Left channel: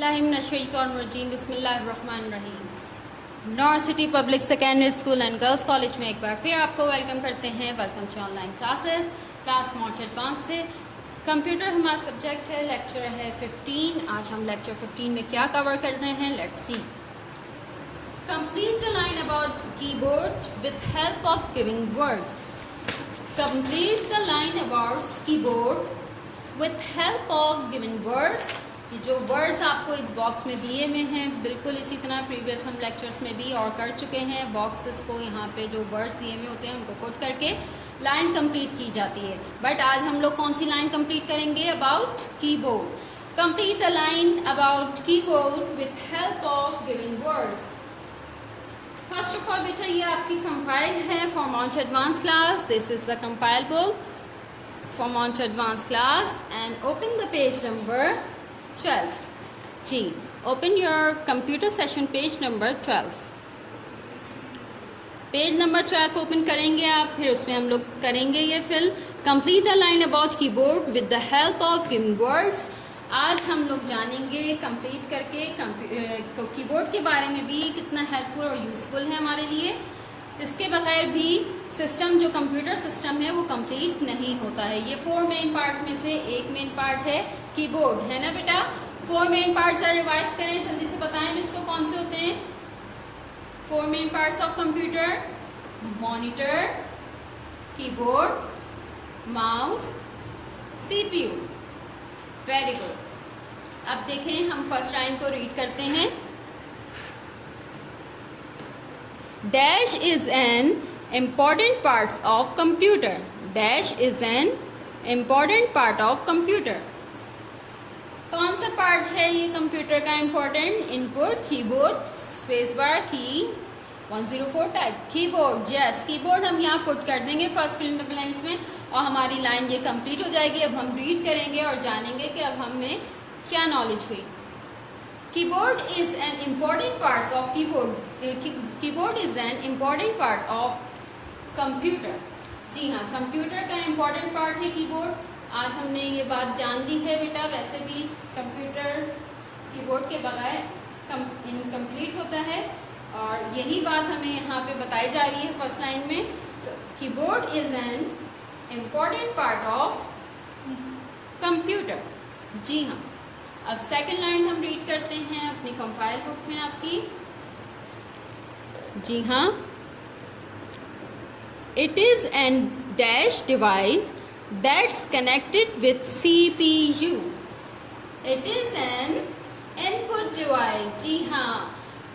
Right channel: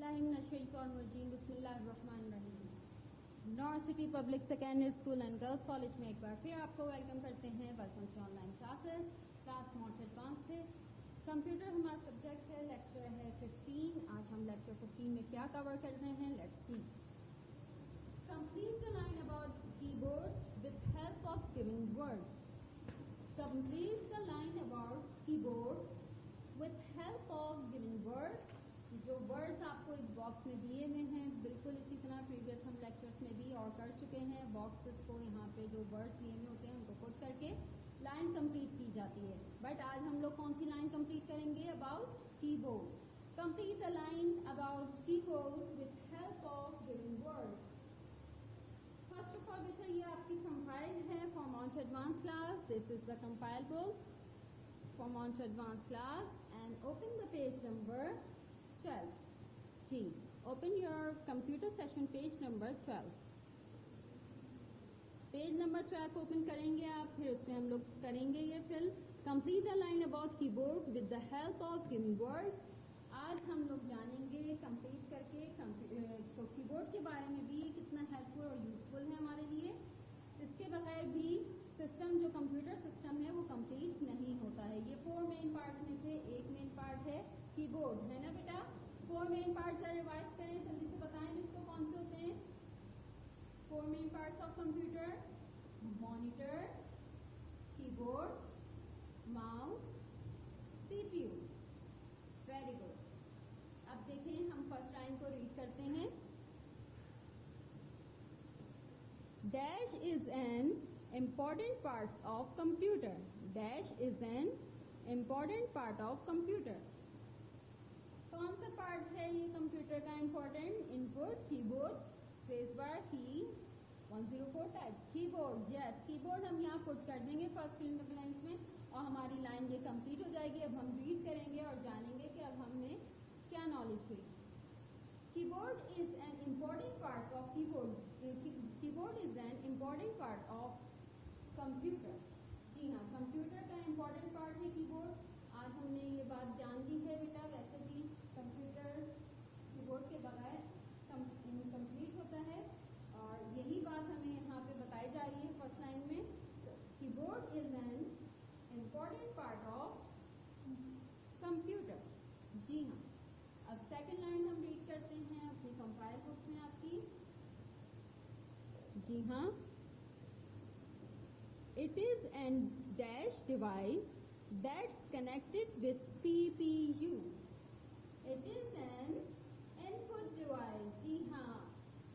बिस्मिल्लाहिर्रहमानिर्रहीम बिस्मिल्लाहिर्रहमानिर्रहीम। North city public secondary school and girls college में एक बार फिर आपको वेलकम करते हैं। Welcome to online classes, class mont advance से। कंप्यूटर हमारा सब्जेक्ट है, लेक्चर है 15। आज हम लेक्चर 15 में क्या कवर कर रहे हैं, let's C. Complete the line about keyboard with help of giving words. Complete the line about keyboard with help of giving words. ये जो वर्ड्स आपको इस बॉक्स में दिए हुए हैं, बिल्कुल इसी तरह प्रीवियस हम लेक्चर्स में भी और कर चुके हैं। बॉक्सेस को यहाँ पे जो वर्ड्स दिए हुए होते हैं उनको पुट करके लाइन कंप्लीट की जाती है। बट आज हम लोग कौन सी लाइन कंप्लीट करेंगे, about keyboard. Complete the line about keyboard with help of giving words. First of all बेटा, ये आपकी कंपाइल है for mont advance class. This is the compile book for mont advance class and open the page number 12 जी। Open your computer session page number 12। Page number 12 open करेंगे आप, फिर उसमें हम लोग करेंगे ये fill complete a line about keyboard with the help of given words. आज हम लोग जानेंगे कंप्लीट करके कीबोर्ड के बारे में भी कितना हेल्पफुल और यूज़फुल है हमारे लिए। इसके बगैर भी सिस्टम जो कंप्यूटर सिस्टम है वो कंप्लीट नहीं होता है। ये 4 मेन पार्ट में से एक मेन पार्ट है कीबोर्ड, है ना बेटा। 4 मेन पार्ट्स रिवाइज करें, जल्दी से बताएं इसको कौन से होते हैं। 4 main parts of computer: monitor, keyboard, mouse, CPU. Very good. अब देखें, हम फर्स्ट लाइन को रीड करते हैं। Dash is an important part of computer. Dash is an important part of computer. कौन सा पार्ट है ये कंप्यूटर का important? Input, keyboard, space bar, की 104 टाइप कीबोर्ड। यस, कीबोर्ड हम यहाँ पुट कर देंगे first fill in the blanks में और हमारी लाइन ये कंप्लीट हो जाएगी। अब हम रीड करेंगे और जानेंगे कि अब हमें क्या नॉलेज हुई। Keyboard is an important part of keyboard is an important part of computer. जी हाँ, कंप्यूटर का इम्पोर्टेंट पार्ट है कीबोर्ड। आज हमने ये बात जान ली है बेटा। वैसे भी कंप्यूटर कीबोर्ड के बगैर इनकम्प्लीट होता है और यही बात हमें यहाँ पे बताई जा रही है फर्स्ट लाइन में। Keyboard is an important part of computer. जी हाँ। अब सेकंड लाइन हम रीड करते हैं अपनी कंपाइल बुक में आपकी। जी हाँ। It is an dash device that's connected with CPU. It is an input device. जी हाँ,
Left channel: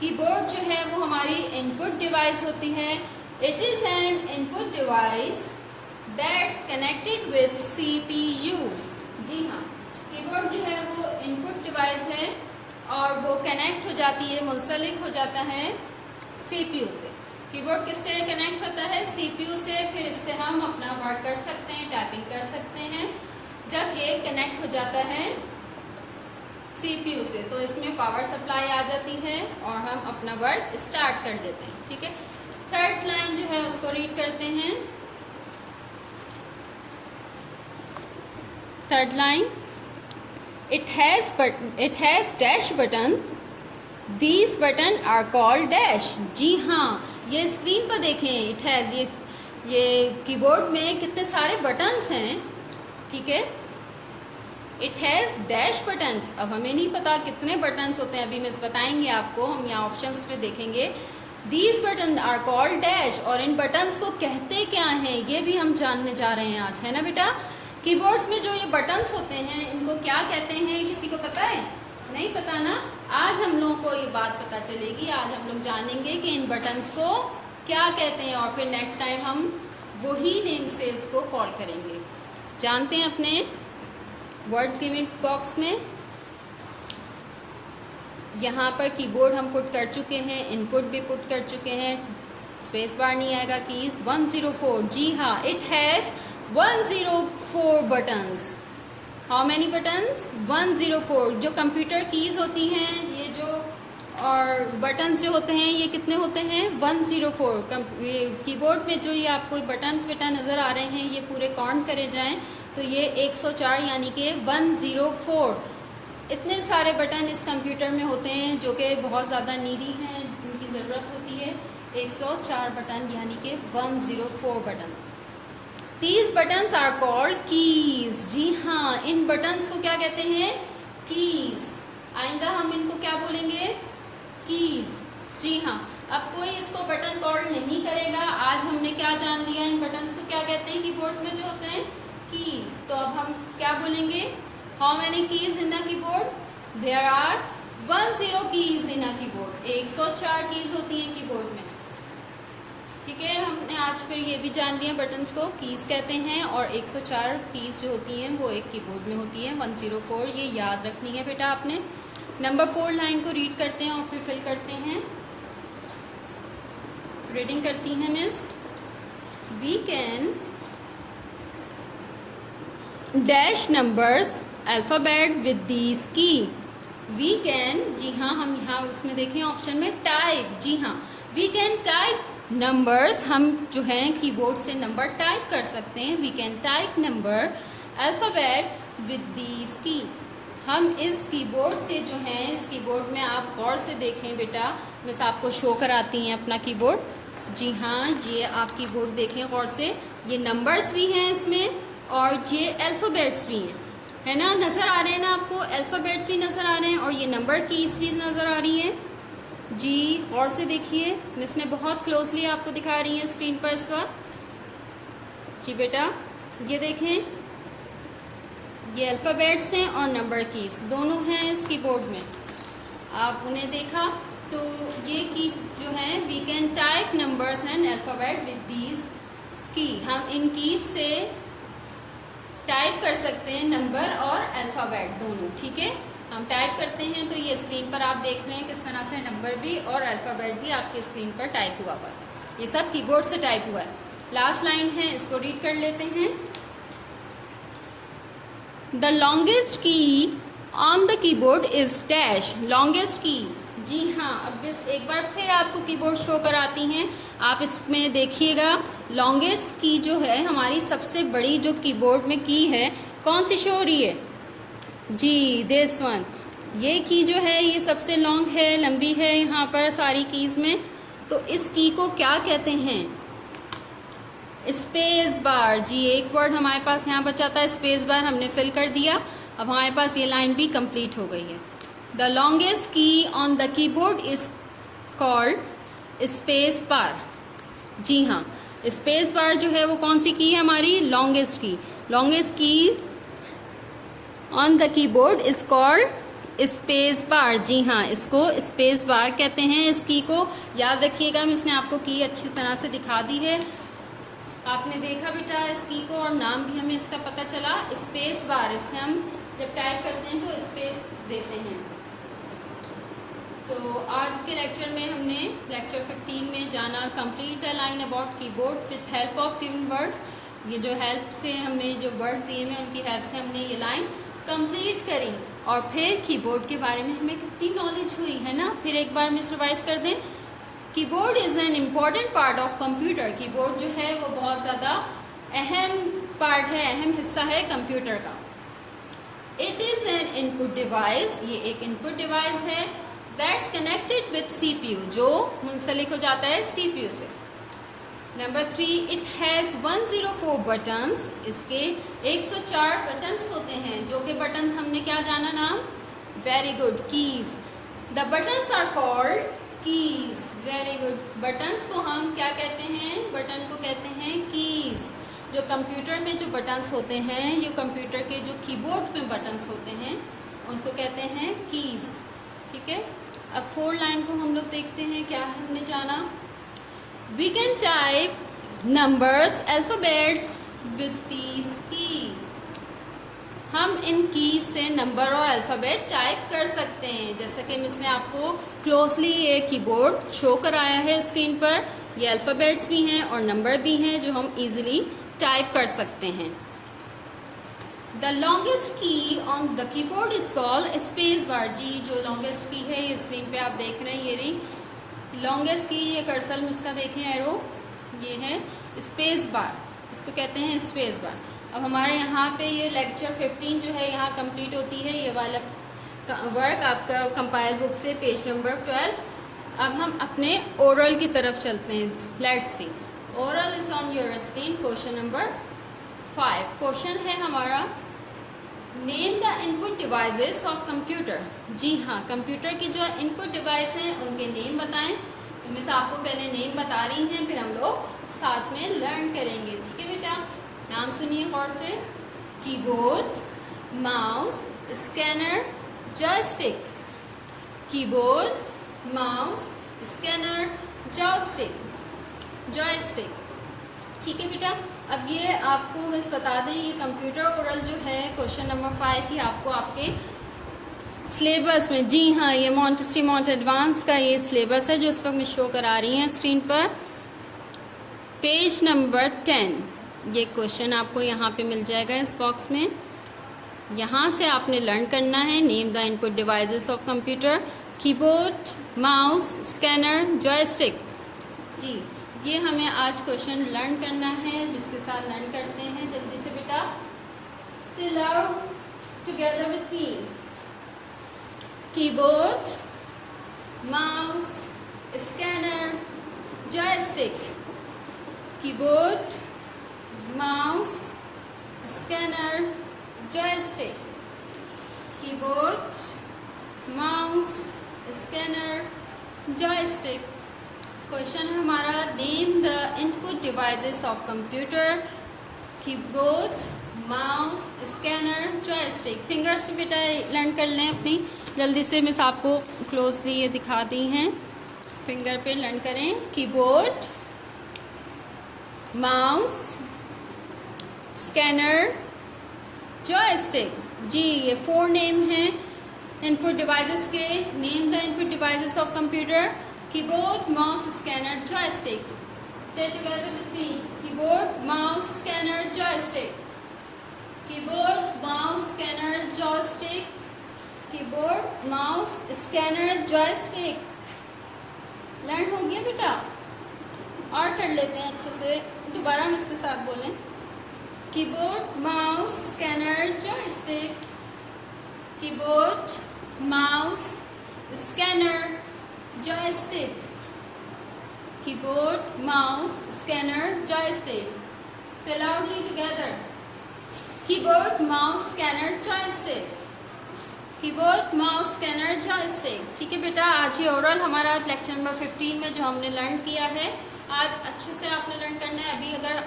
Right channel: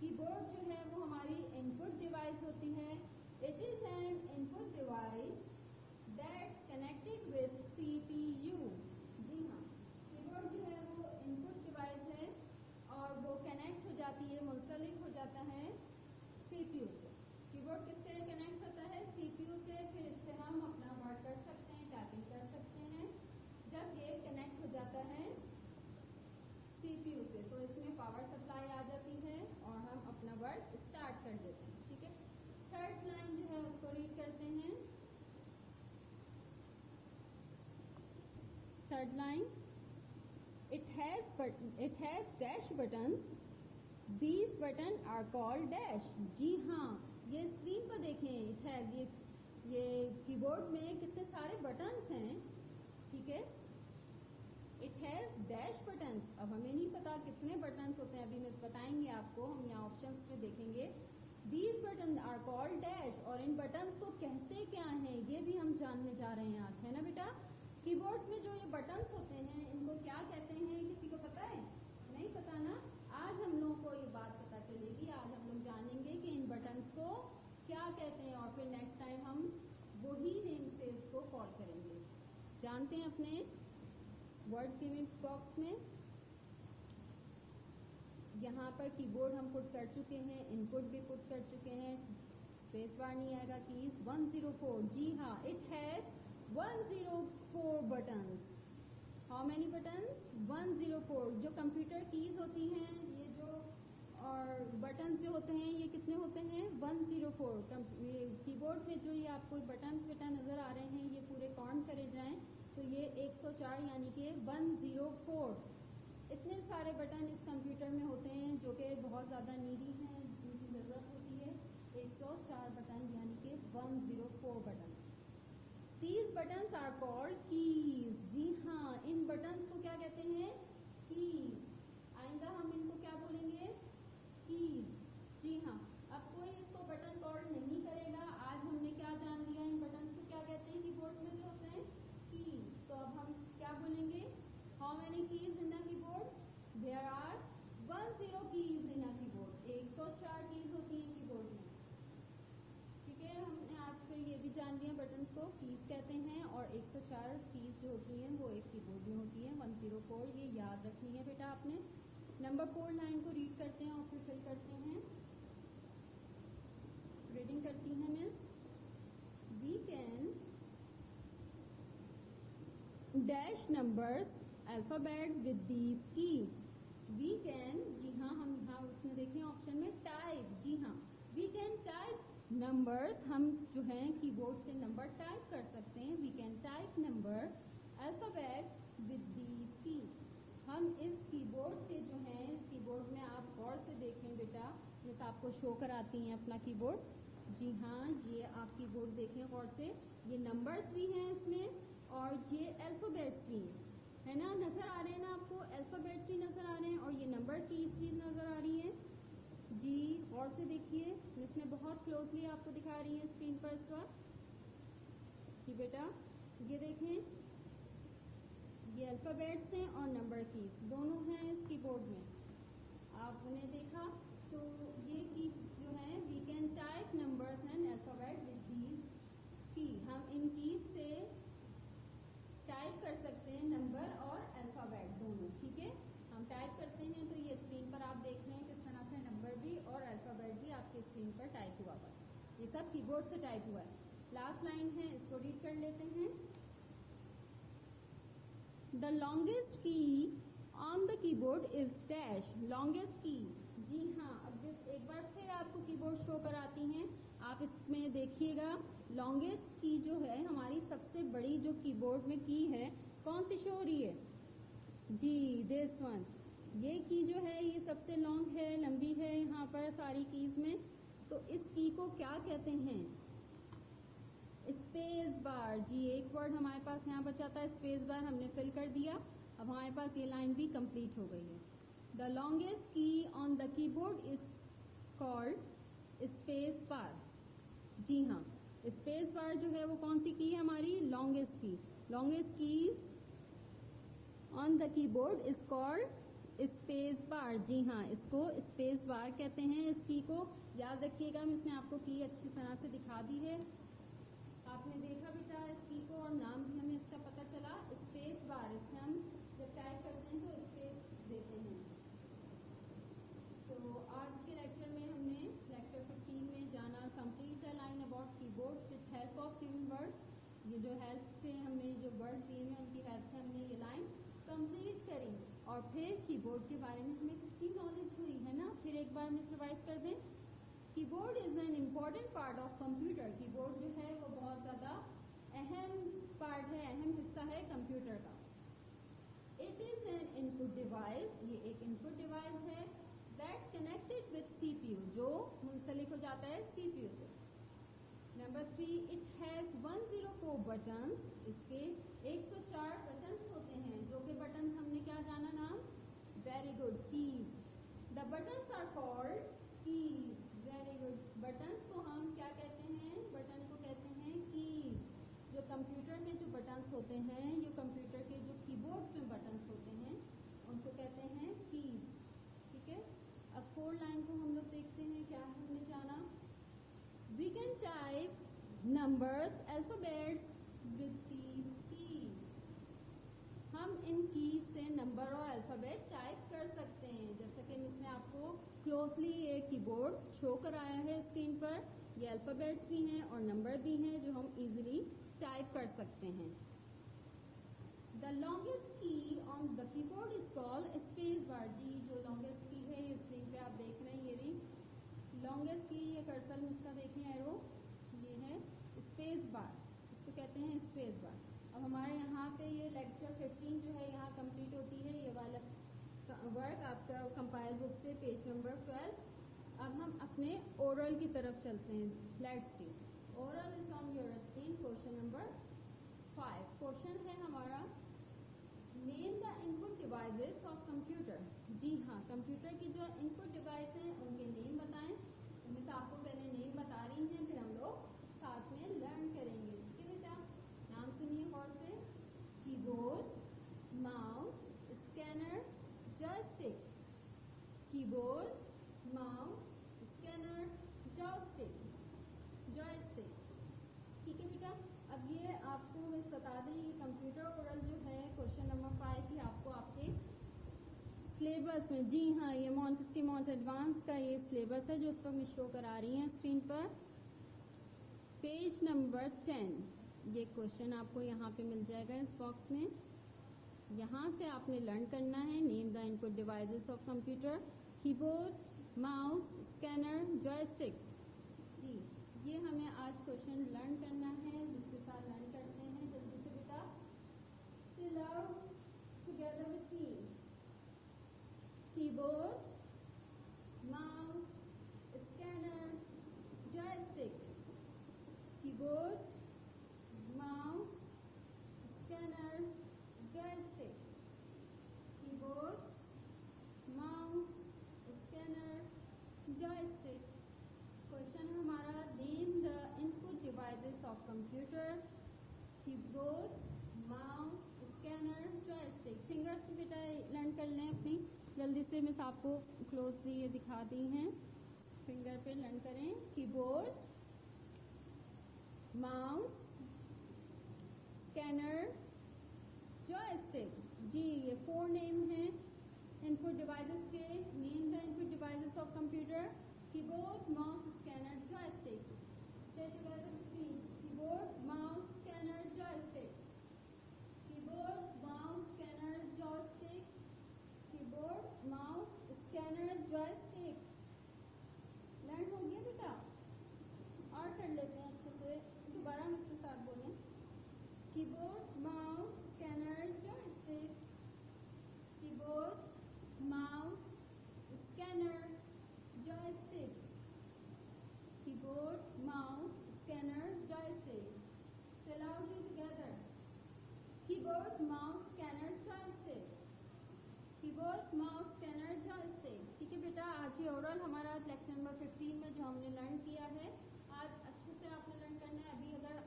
कीबोर्ड जो है वो हमारी इनपुट डिवाइस होती है। It is an input device that's connected with CPU. जी हाँ, कीबोर्ड जो है वो इनपुट डिवाइस है और वो कनेक्ट हो जाती है, मुंसलिक हो जाता है CPU से। कीबोर्ड किससे कनेक्ट होता है? CPU से। फिर इससे हम अपना वर्क कर सकते हैं, टाइपिंग कर सकते हैं। जब ये कनेक्ट हो जाता है CPU से तो इसमें पावर सप्लाई आ जाती है और हम अपना वर्क स्टार्ट कर लेते हैं। ठीक है। थर्ड लाइन जो है उसको रीड करते हैं। Third line, It has dash button. These button are called dash. जी हाँ, ये स्क्रीन पर देखें। It has ये कीबोर्ड में कितने सारे बटन्स हैं। ठीक है। It has dash buttons. अब हमें नहीं पता कितने बटन्स होते हैं, अभी मिस बताएंगे आपको। हम यहाँ ऑप्शंस पे देखेंगे। These buttons are called dash. और इन बटन्स को कहते क्या हैं ये भी हम जानने जा रहे हैं आज, है ना बेटा। कीबोर्ड्स में जो ये बटन्स होते हैं इनको क्या कहते हैं, किसी को पता है? नहीं पता ना। आज हम लोगों को ये बात पता चलेगी। आज हम लोग जानेंगे कि इन बटन्स को क्या कहते हैं और फिर नेक्स्ट टाइम हम वही नेम से इसको कॉल करेंगे। जानते हैं अपने वर्ड्स गिवन बॉक्स में। यहाँ पर कीबोर्ड हम पुट कर चुके हैं, इनपुट भी पुट कर चुके हैं। स्पेस बार नहीं आएगा। कीज 104। जी हाँ, it has 104 buttons. How many buttons? 104. जो कंप्यूटर कीज़ होती हैं, ये जो और बटन्स जो होते हैं ये कितने होते हैं? 104। कीबोर्ड में जो ये आपको बटन्स बेटा नज़र आ रहे हैं ये पूरे काउंट करे जाएं तो ये 104 यानी कि 104 इतने सारे बटन इस कंप्यूटर में होते हैं जो कि बहुत ज़्यादा नीडी हैं, जिनकी ज़रूरत होती है। 104 बटन यानी कि 104 button. These buttons are called keys। जी हाँ, इन बटन्स को क्या कहते हैं? कीज। आइंदा हम इनको क्या बोलेंगे? कीज। जी हाँ, अब कोई इसको बटन कॉल नहीं करेगा। आज हमने क्या जान लिया, इन बटन्स को क्या कहते हैं कीबोर्ड्स में जो होते हैं? कीज। तो अब हम क्या बोलेंगे? How many keys in a keyboard? There are 10 keys in a keyboard. 104 keys होती हैं कीबोर्ड में। ठीक है, हमने आज फिर ये भी जान लिया बटन्स को कीज़ कहते हैं, और 104 कीज़ जो होती हैं वो एक कीबोर्ड में होती हैं। 104 ये याद रखनी है बेटा आपने। नंबर 4 लाइन को रीड करते हैं और फिर फिल करते हैं। रीडिंग करती हैं miss. We can dash numbers alphabet with these key. We can, जी हाँ, हम यहाँ उसमें देखें ऑप्शन में टाइप। जी हाँ, वी कैन टाइप नंबर्स, हम जो हैं कीबोर्ड से नंबर टाइप कर सकते हैं। We can type number alphabet with these key. हम इस कीबोर्ड से जो हैं, इस कीबोर्ड में आप गौर से देखें बेटा, मिस आपको शो कराती हैं अपना कीबोर्ड। जी हाँ, ये आप कीबोर्ड देखें गौर से। ये नंबर्स भी हैं इसमें और ये अल्फ़ाबेट्स भी हैं, है ना? नज़र आ रहे हैं ना आपको? अल्फ़ाबेट्स भी नज़र आ रहे हैं और ये नंबर कीज़ भी नज़र आ रही हैं। जी गौर से देखिए, मिस ने बहुत क्लोजली आपको दिखा रही है स्क्रीन पर इस वक्त। जी बेटा, ये देखें, ये अल्फ़ाबेट्स हैं और नंबर कीज़ दोनों हैं इस कीबोर्ड में। आप उन्हें देखा तो ये की जो है, we can type numbers and alphabet with these key. हम इन कीज़ से टाइप कर सकते हैं नंबर और अल्फ़ाबेट दोनों। ठीक है, हम टाइप करते हैं तो ये स्क्रीन पर आप देख रहे हैं किस तरह से नंबर भी और अल्फ़ाबेट भी आपकी स्क्रीन पर टाइप हुआ है। ये सब कीबोर्ड से टाइप हुआ है। लास्ट लाइन है, इसको रीड कर लेते हैं। The longest key on the keyboard is dash. Longest key, जी हाँ, अब इस एक बार फिर आपको कीबोर्ड शो कराती हैं। आप इसमें देखिएगा, लॉन्गेस्ट की जो है हमारी सबसे बड़ी जो कीबोर्ड में की है, कौन सी शो हो रही है? जी, दिस वन। ये की जो है ये सबसे लॉन्ग है, लंबी है यहाँ पर सारी कीज़ में। तो इस की को क्या कहते हैं? Space bar. जी, एक वर्ड हमारे पास यहाँ बचा था, स्पेस बार, हमने फिल कर दिया। अब हमारे पास ये लाइन भी कंप्लीट हो गई है। The longest key on the keyboard is called space bar. जी हाँ, स्पेस बार जो है वो कौन सी की है हमारी? Longest key. Longest key on the keyboard is called space bar. जी हाँ, इसको स्पेस बार कहते हैं। इस की को याद रखिएगा, इसने आपको की अच्छी तरह से दिखा दी है। आपने देखा बेटा इस की को, और नाम भी हमें इसका पता चला, स्पेस बार। इससे हम जब टाइप करते हैं तो स्पेस देते हैं। तो आज के लेक्चर में हमने लेक्चर 15 में जाना complete a line about keyboard with help of given words. ये जो हेल्प से हमने जो वर्ड दिए हैं उनकी हेल्प से हमने ये लाइन कंप्लीट करी। और फिर कीबोर्ड के बारे में हमें कितनी नॉलेज हुई है ना। फिर एक बार मिस रिवाइज कर दें। Keyboard is an important part of computer. Keyboard जो है वो बहुत ज़्यादा अहम पार्ट है, अहम हिस्सा है कंप्यूटर का। It is an input device. ये एक इनपुट डिवाइस है दैट्स कनेक्टेड विथ CPU, जो मुंसलिक हो जाता है CPU से। Number 3, it has 104 buttons. इसके 104 बटन्स होते हैं, जो कि बटन्स हमने क्या जाना नाम? Very good, keys. The buttons are called keys. Very good, buttons को हम क्या कहते हैं? बटन को कहते हैं कीज़। जो कंप्यूटर में जो बटन्स होते हैं, ये कंप्यूटर के जो कीबोर्ड में बटन्स होते हैं, उनको कहते हैं कीज़। ठीक है, अब 4 लाइन को हम लोग देखते हैं, क्या हमने जाना? We can type numbers alphabets with these key. हम इन कीज से नंबर और अल्फ़ाबेट टाइप कर सकते हैं। जैसे कि मिस ने आपको क्लोजली ये कीबोर्ड शो कराया है स्क्रीन पर। ये अल्फ़ाबेट्स भी हैं और नंबर भी हैं जो हम इजीली टाइप कर सकते हैं। The longest key on the keyboard is called space bar. जी, जो लॉन्गेस्ट की है ये स्क्रीन पे आप देख रहे हैं, ये रही लॉन्गेस्ट की। ये कर्सर में इसका देखें एरो, ये है स्पेस बार, इसको कहते हैं स्पेस बार। अब हमारे यहाँ पे ये लेक्चर 15 जो है यहाँ कंप्लीट होती है। ये वाला वर्क आपका कंपाइल बुक से पेज नंबर 12। अब हम अपने ओरल की तरफ चलते हैं। Let's see, oral is on your screen. Question number 5 question है हमारा, name the input devices of computer. जी हाँ, कंप्यूटर की जो इनपुट डिवाइस हैं उनके नेम बताएं। तो मिस आपको पहले नेम बता रही हैं, फिर हम लोग साथ में लर्न करेंगे। ठीक है बेटा, नाम सुनिए गौर से। Keyboard, mouse, scanner, joystick. Keyboard, mouse, scanner, joystick. ठीक है बेटा, अब ये आपको मिस बता दें, ये कंप्यूटर ओरल जो है क्वेश्चन नंबर 5 ही आपको आपके सिलेबस में, जी हाँ, ये मॉन्टेसरी मॉन्ट एडवांस का ये सिलेबस है जो इस वक्त मैं शो करा रही हैं स्क्रीन पर। पेज नंबर 10 ये क्वेश्चन आपको यहाँ पे मिल जाएगा इस बॉक्स में। यहाँ से आपने लर्न करना है, name the input devices of computer, keyboard, mouse, scanner, joystick. जी, ये हमें आज क्वेश्चन लर्न करना है, जिसके साथ लर्न करते हैं जल्दी से बेटा। से learn together with me. Keyboard, mouse, scanner, joystick. Keyboard, mouse, scanner, joystick. Keyboard, mouse, scanner, joystick. Question है हमारा, name the input devices of computer, keyboard, mouse, scanner, joystick. Fingers पे बेटा लर्न कर लें अपनी जल्दी से। मिस आपको क्लोजली ये दिखा दी हैं, फिंगर पे लर्न करें। Keyboard, mouse, scanner, joystick. जी, ये 4 नेम हैं इनपुट डिवाइसेस के। Name the input devices of computer, keyboard, mouse, scanner, joystick. Say together with me. Keyboard, mouse, scanner, joystick. Keyboard, mouse, scanner, joystick. Keyboard, mouse, scanner, joystick. Learn हो गया बेटा? और कर लेते हैं अच्छे से, दोबारा हम इसके साथ बोलें। Keyboard, mouse, scanner, joystick. Keyboard, mouse, scanner, joystick. Keyboard, mouse, scanner, joystick. Say loudly together. Keyboard, mouse, scanner, joystick. Keyboard, mouse, scanner, joystick. ठीक है बेटा, आज ये ओरल हमारा लेक्चर नंबर 15 में जो हमने लर्न किया है, आज अच्छे से आपने लर्न करना है। अभी अगर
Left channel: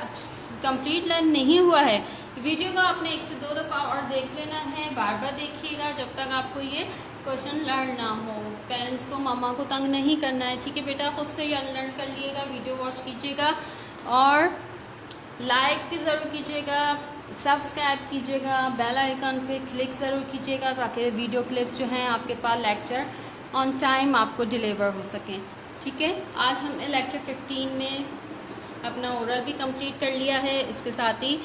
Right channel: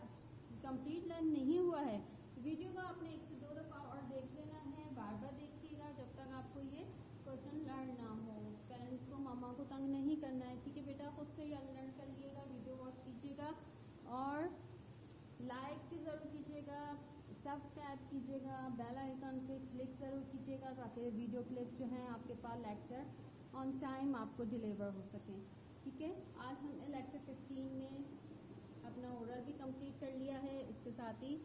कंप्लीट लर्न नहीं हुआ है, वीडियो को आपने 1 से 2 दफ़ा और देख लेना है। बार बार देखिएगा जब तक आपको ये क्वेश्चन लर्न ना हो। पेरेंट्स को, मामा को तंग नहीं करना है। ठीक है बेटा, खुद से ही लर्न कर लिएगा, वीडियो वॉच कीजिएगा और लाइक भी ज़रूर कीजिएगा, सब्सक्राइब कीजिएगा, बेल आइकन पे क्लिक ज़रूर कीजिएगा ताकि वीडियो क्लिप्स जो हैं आपके पास लेक्चर ऑन टाइम आपको डिलीवर हो सकें। ठीक है, आज हमने लेक्चर 15 में अपना ओरल भी कंप्लीट कर लिया है। इसके साथ ही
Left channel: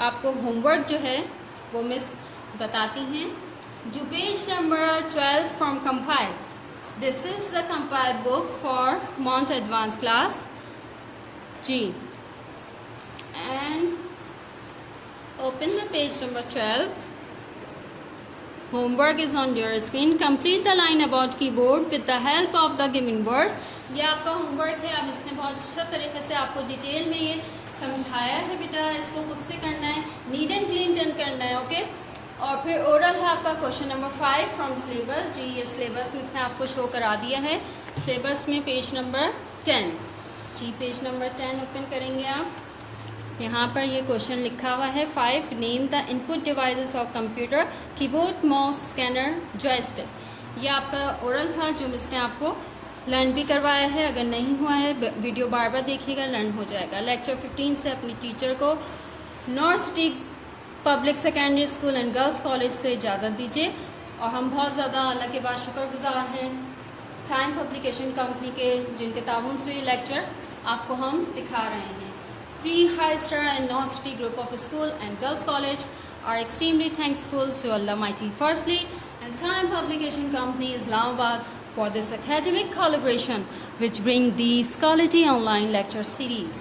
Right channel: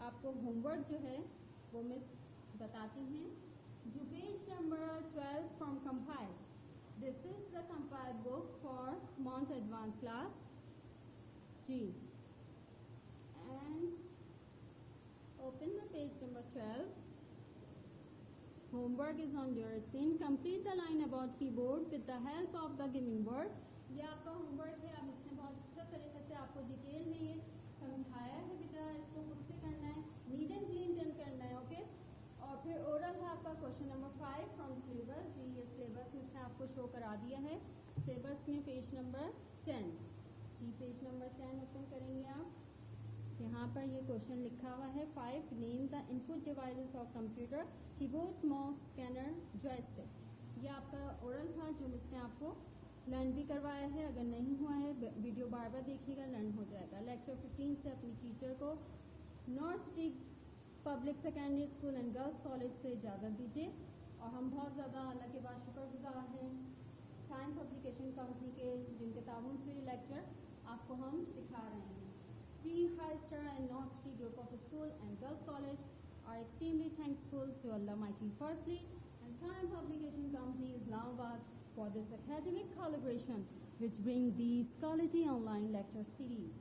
आपको होमवर्क जो है वो मिस बताती हैं। Do page number 12 from compile. This is the compile book for Mont Advanced class G. And open the page number 12. Homework is on your screen. Complete the line about keyboard with the help of the given words. ये आपका homework है। अब इसने बहुत अच्छा तरीके से आपको डिटेल में ये समझाया है बेटा, इसको खुद से करना है, नीट एंड क्लीन डन करना है। ओके, और फिर ओरल है आपका क्वेश्चन नंबर 5 फ्रॉम सिलेबस। जी, ये सिलेबस में इसने आपको शो करा दिया है। सिलेबस में पेज नंबर 10। जी, पेज नंबर 10 ओपन करेंगे आप। यहाँ पर ये क्वेश्चन लिखा हुआ है 5, name the input devices of computer, keyboard, mouse, scanner, joystick. ये आपका ओरल था जो इसने आपको लर्न भी करवाया है। अगर नहीं हुआ है, वीडियो बार बार देखिएगा, लर्न हो जाएगा। लेक्चर 15 से अपनी टीचर को north city public secondary school and girls college से इजाज़त दीजिए। और हम बहुत ज़्यादा अल्लाह के बाद शुक्रगुजार हैं टाइम पब्लिकेशन कंपनी के, जिनके ताउन से लेक्चर आपको हम दिखा रहे हैं। We high star and north city group of school and girls college are extremely thanksful to Allah mighty firstly and time publication company Islamabad for this academic collaboration which bring these quality online lecture series.